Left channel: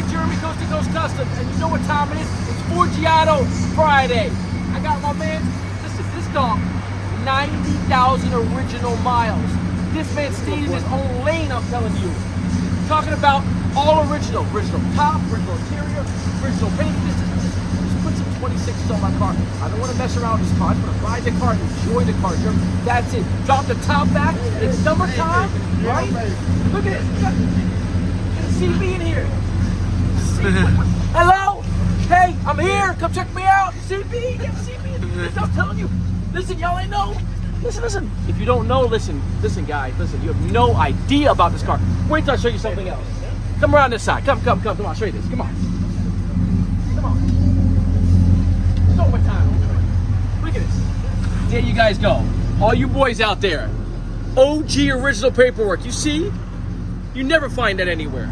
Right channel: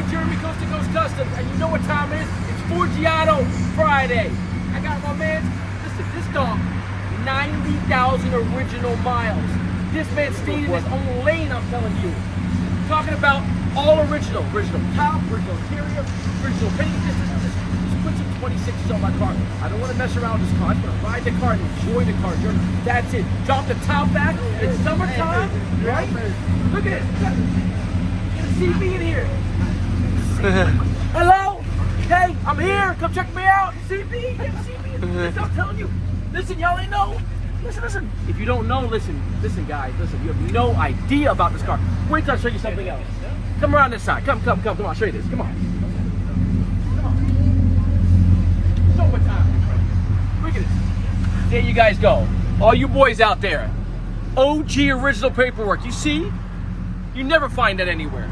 boy Jeremy, Coast to Coast Customs, and you know what time it is? It's Forgiato Friday. I got my man, listen, this dog, 90,000 original miles. This man stayed in his own lane, I'm telling you. Talking about all original. Original top, original interior, original paint. This put some 26s on my car. I don't want to mess around with this car. I just want to ride the car and enjoy the car journey. That's it. Drop the top back. It's summertime, right? Look at this. Get a CB in here. Hello? Hey, I'm here. Come check me out. CB, get a CB in here. I'm telling you. Listen, y'all ain't know. Listen. If you don't know, listen, guys. Listen, you have no idea about this car. Wait till I show you something else. Come around this side. Come on. I'll show you this. Come on. Summertime. Look at this. There you guys go. All you boys out there. OG original paperwork. You see? You never find that anywhere.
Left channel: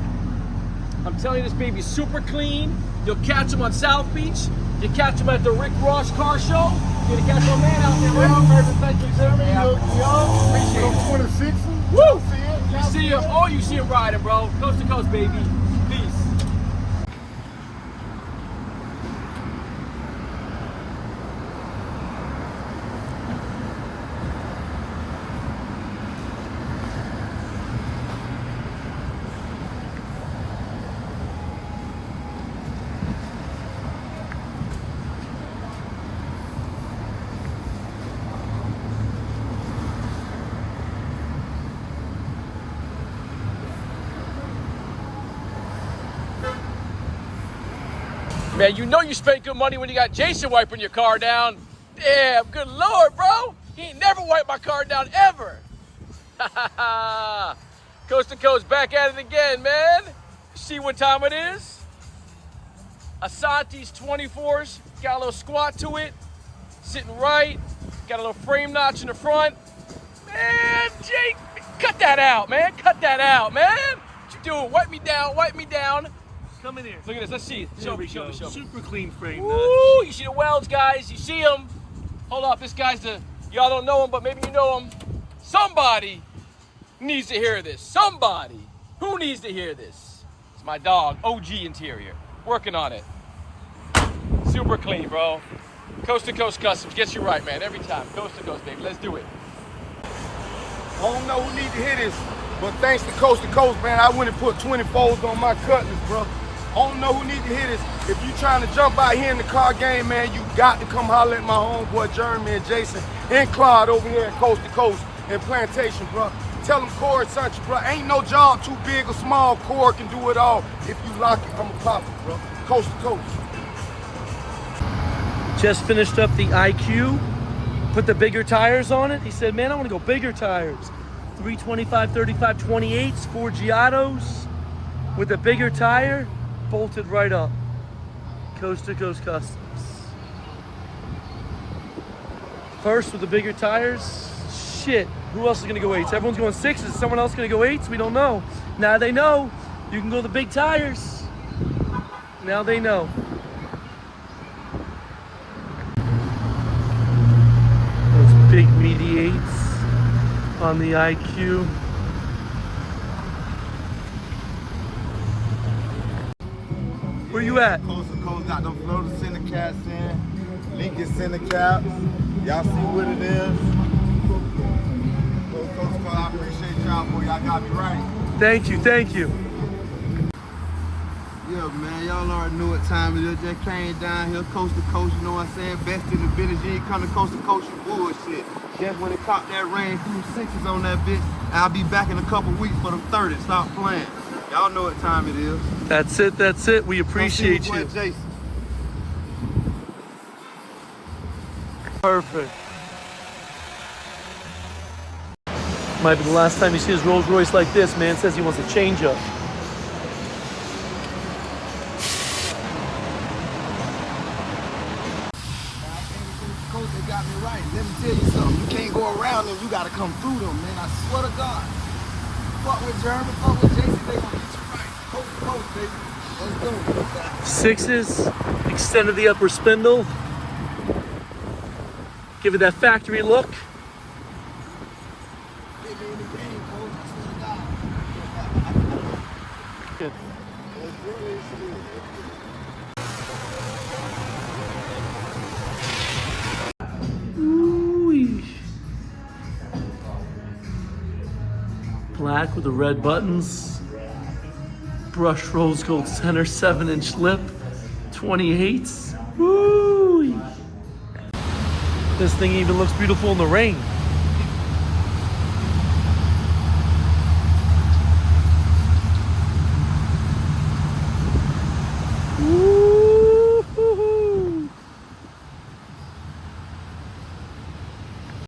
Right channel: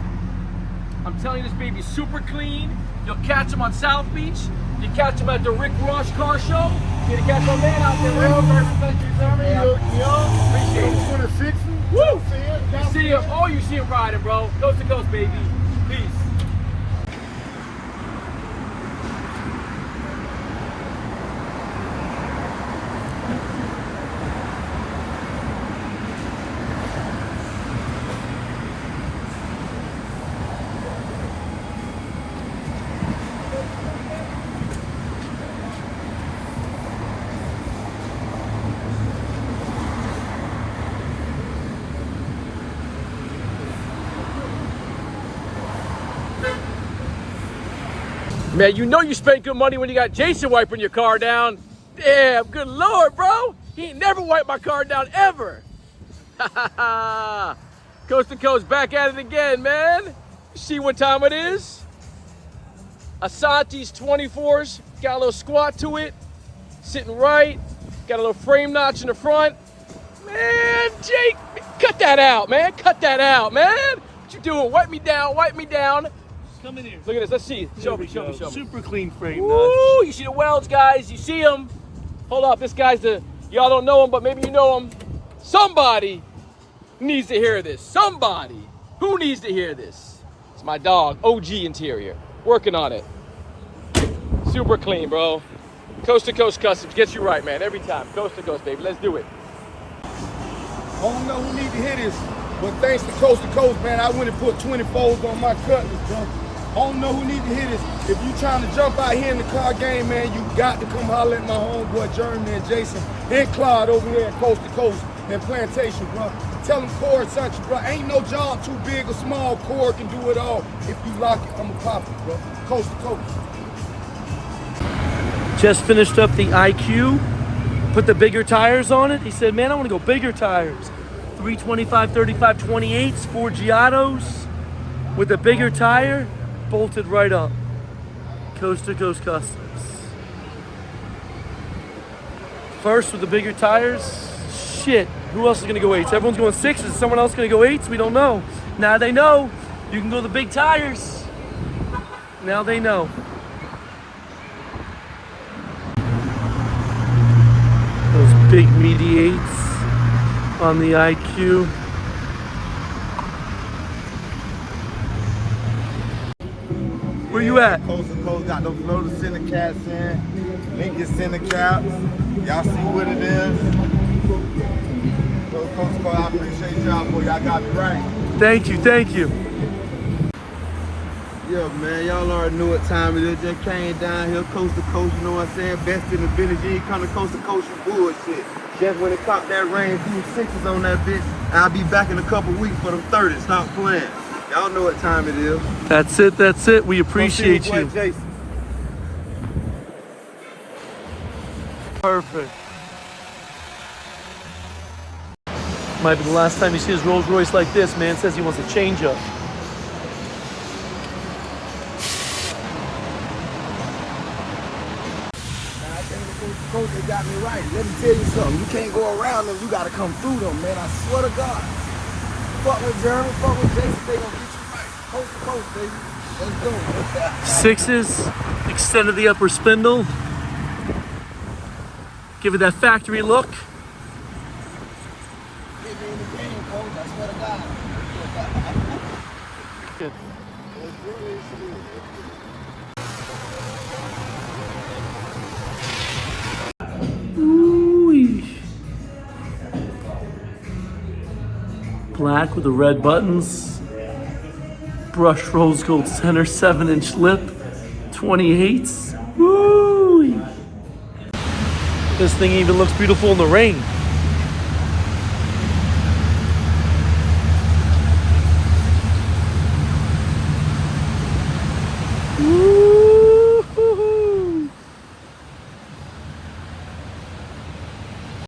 I'm telling you, this baby's super clean. You'll catch them on South Beach. You catch them at the Rick Ross car show. You're gonna catch my man out there, right? 26. Woo! You see him. Oh, you see him riding, bro. Coast to coast, baby. Peace. Man, you know you spent good money when you got Jason wiping your car down. Damn, good Lord, bro. He ain't never wiped my car down, ever. Coast to coast, back at it again, man. See what time it is? Asante's 24s, got a little squat to it, sitting right, got a little frame notch in the front. Man, Jake, cut that out, man. Cut that out, man. What you doing? Wipe me down. Come in here. Look at this. Let's see. Show me. Super clean frame. Ooh, you see the welds, guys. You see them. Hold up. This guy's y'all don't know him, but maybe you know him. Somebody needs to hear this. Somebody. Who needs to hear this? It's my dog. OG interior. Working on it. Super clean, bro. Coast to Coast Customs. Gets you right, man. Every time. Coast to coast, baby. Let's do it. I don't know who need to hear this, but thanks to Coast, man, I went and put 24s on my Cutlass, bro. I don't know who need to hear this. If you trying to jump out here in the car game, man, you got to come holler at my homeboy Jeremy and Jason and Claude over here at Coast to Coast and Plantation, bro. Tell them Corey sent you, bro. Ain't no job too big or small. Corey can do it all. If you lock it, I'm a pop it, bro. Coast to Coast. Just finished up the IQ, put the bigger tires on it. He said, man, I want to go bigger tires. 325, 35, 28s, Forgiatos with a bigger tire, bolted right up. Coast to Coast Customs. First with the bigger tires. Shit, who else is gonna go 8s? Everyone's going 6s. Is someone else gonna go 8s? We don't know. Now they know. You can go the big tires. Now they know. Those big meaty 8s on the IQ. Where you at? Coast to Coast got the Florida Center cats in, Lincoln Center caps. Y'all see what it is? Coast to Coast, I appreciate y'all, boy. Y'all got me right. Thank you. Yeah, man, y'all already know what time it is. Just came down here, Coast to Coast, you know what I'm saying? Best in the village, you ain't come to Coast, you bullshit. Just when it caught that rain, threw 6s on that bitch, I'll be back in a couple weeks for them 30s. Stop playing. Y'all know what time it is. That's it. We appreciate you. Jason. Perfect. Might be the last time you see his Rolls Royce like this, man. Says he wants a change up. Coach got me right. Let me tell you something. You can't go around them. You got to come through them, man. I swear to God. Fuck with Jeremy. Fuck with Jason. They gonna get you right. Coast to coast, baby. Let's do it. 6s, extended the upper spindle. Give it that factory look. Get me in the game, Coach. I swear to God. Good. Let's Ooh. Black with the red buttons. Brushed rose gold center, 7-inch lip, 28s. Woo! This thing even looks beautiful in the rain.